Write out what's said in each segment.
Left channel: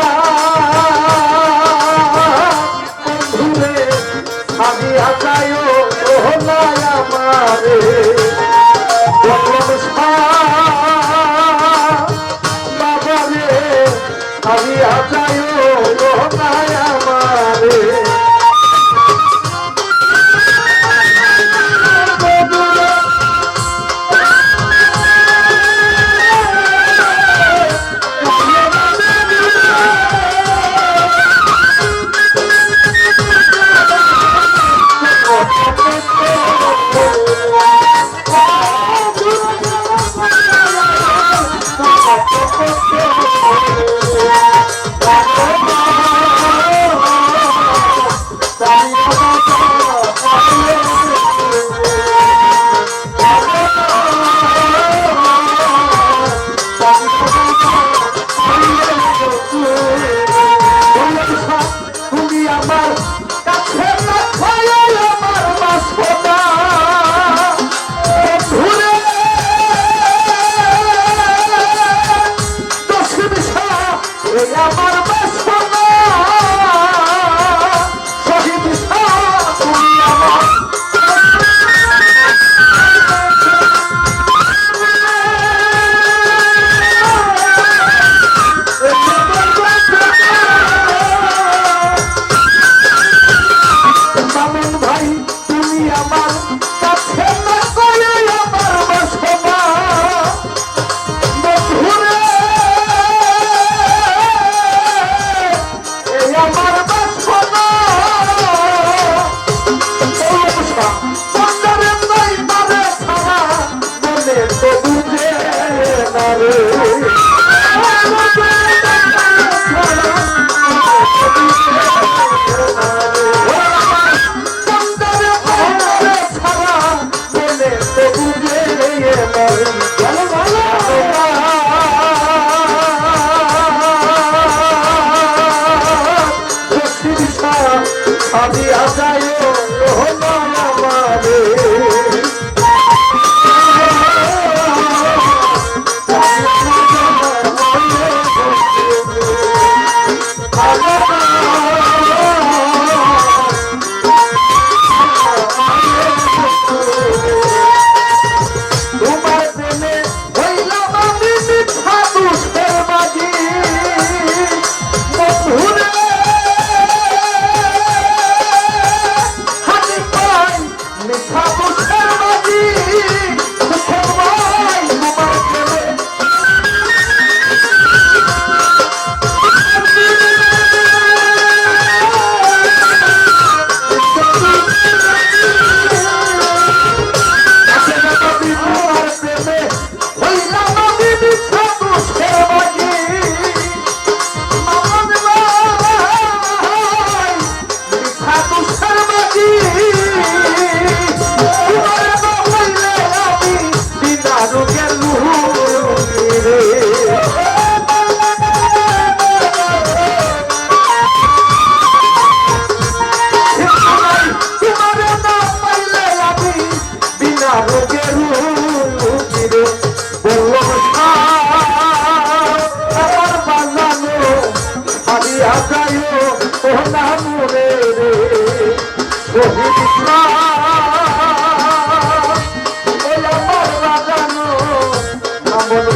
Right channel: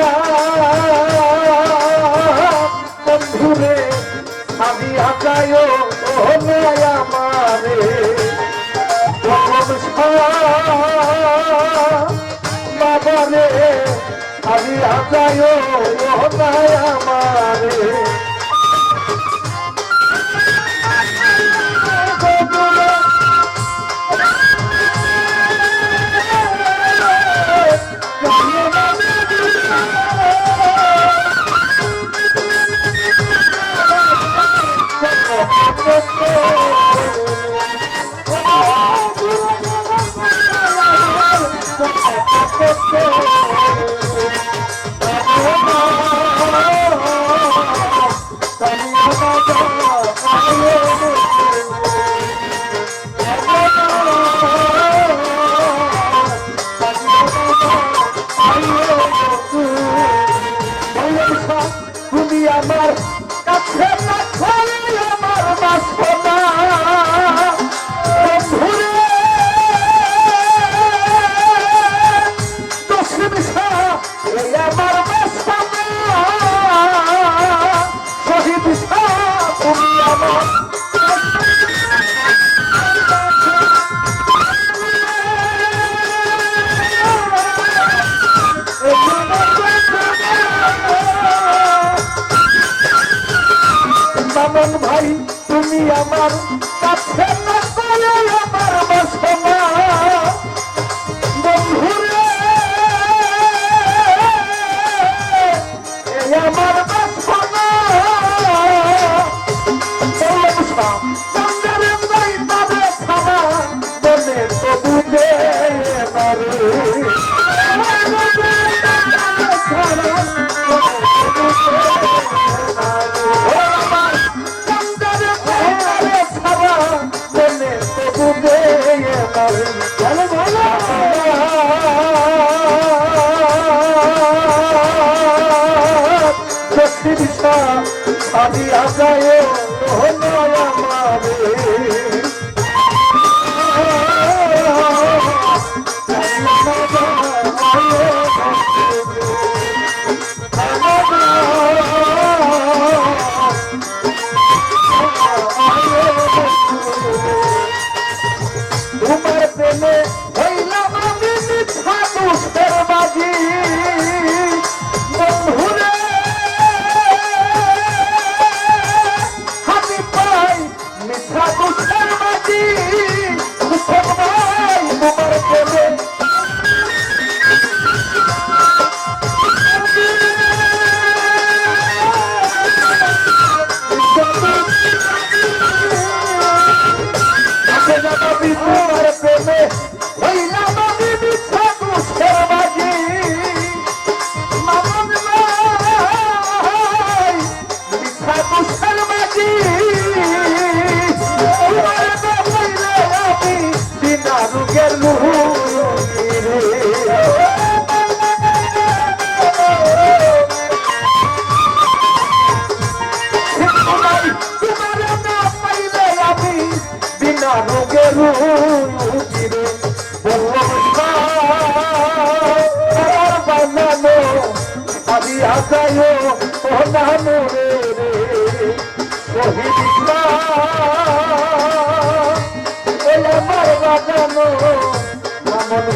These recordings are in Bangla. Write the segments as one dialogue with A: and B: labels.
A: Allah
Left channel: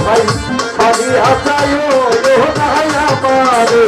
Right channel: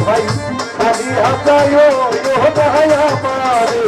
A: ভাই সাজি হাসায় ও হাসায় আমারে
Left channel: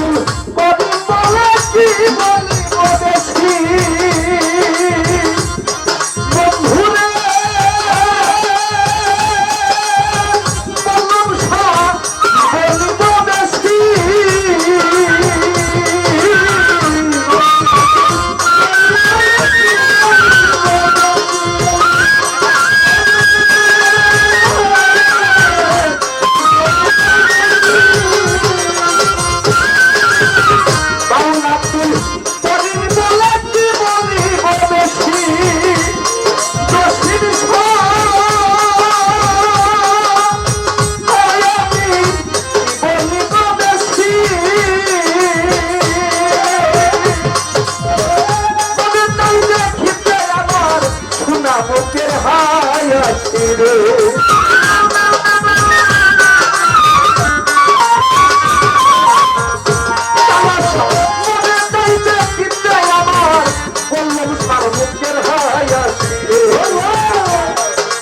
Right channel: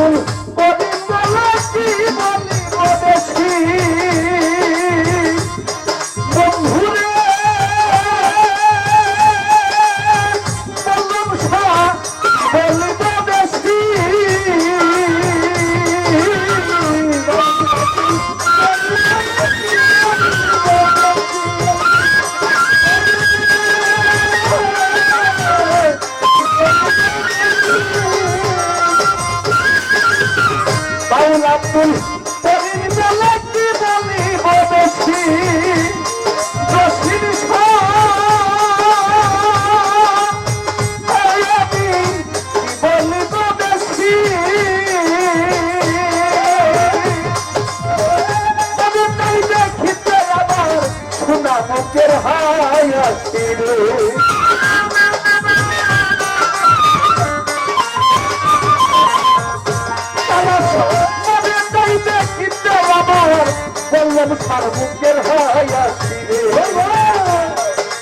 A: ভুল করি বলে কি বলি তীরে বললাম সার মুখের হায়াসি রে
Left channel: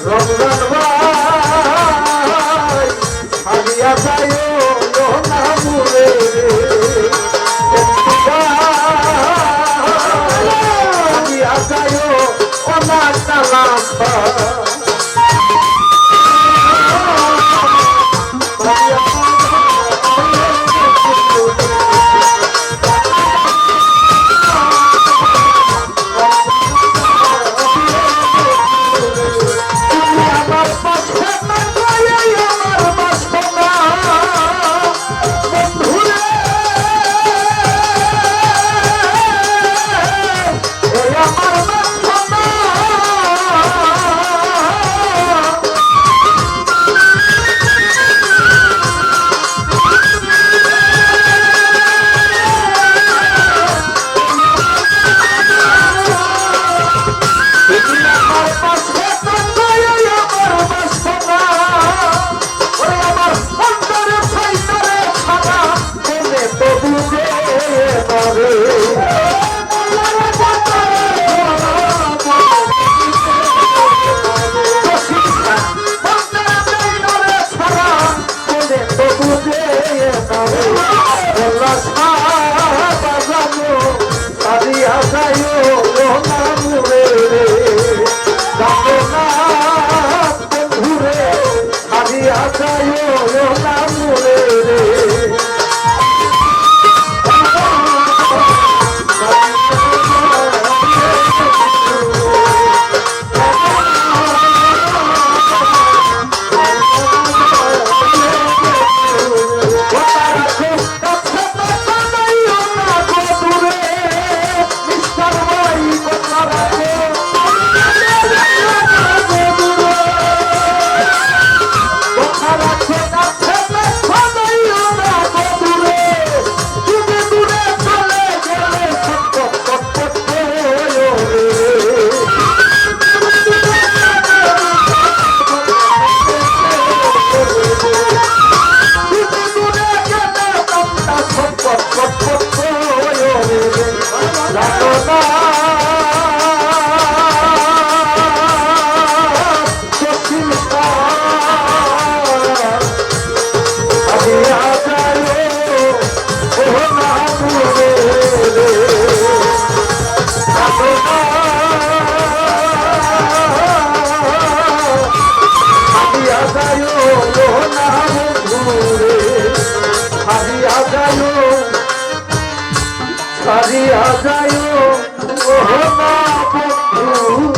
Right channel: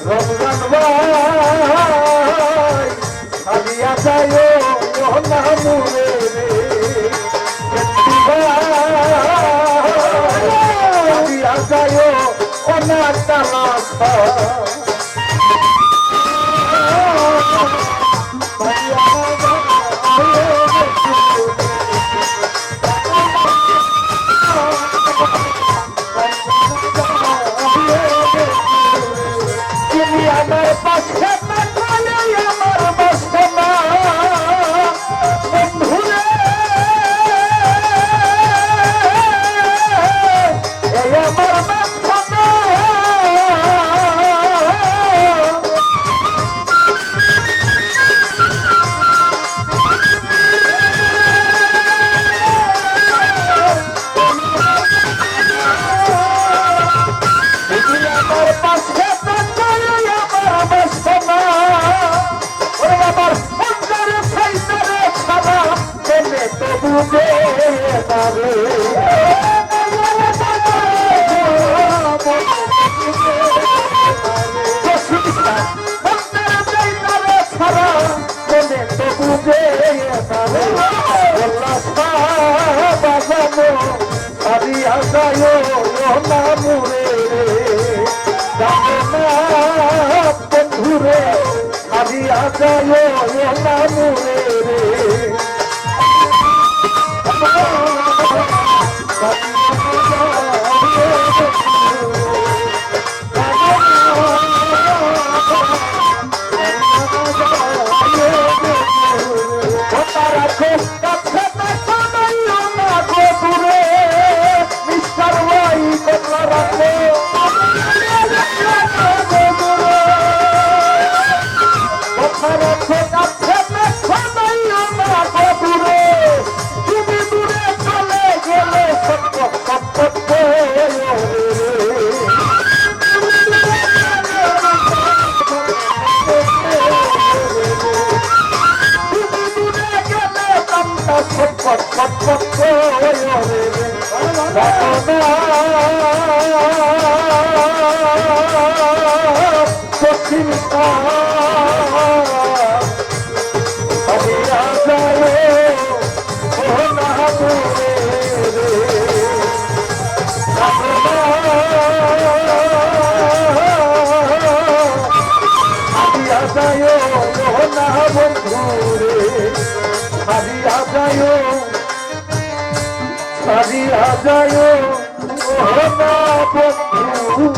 A: রমজান ভাই হালিয়া যায় না মুরে রে হালিয়া যায় ও না তালা বন্ধুরে হারিয়া যায় না মুরে রে। সারিয়া যায় সারিয়া যায় ও না বন্ধু।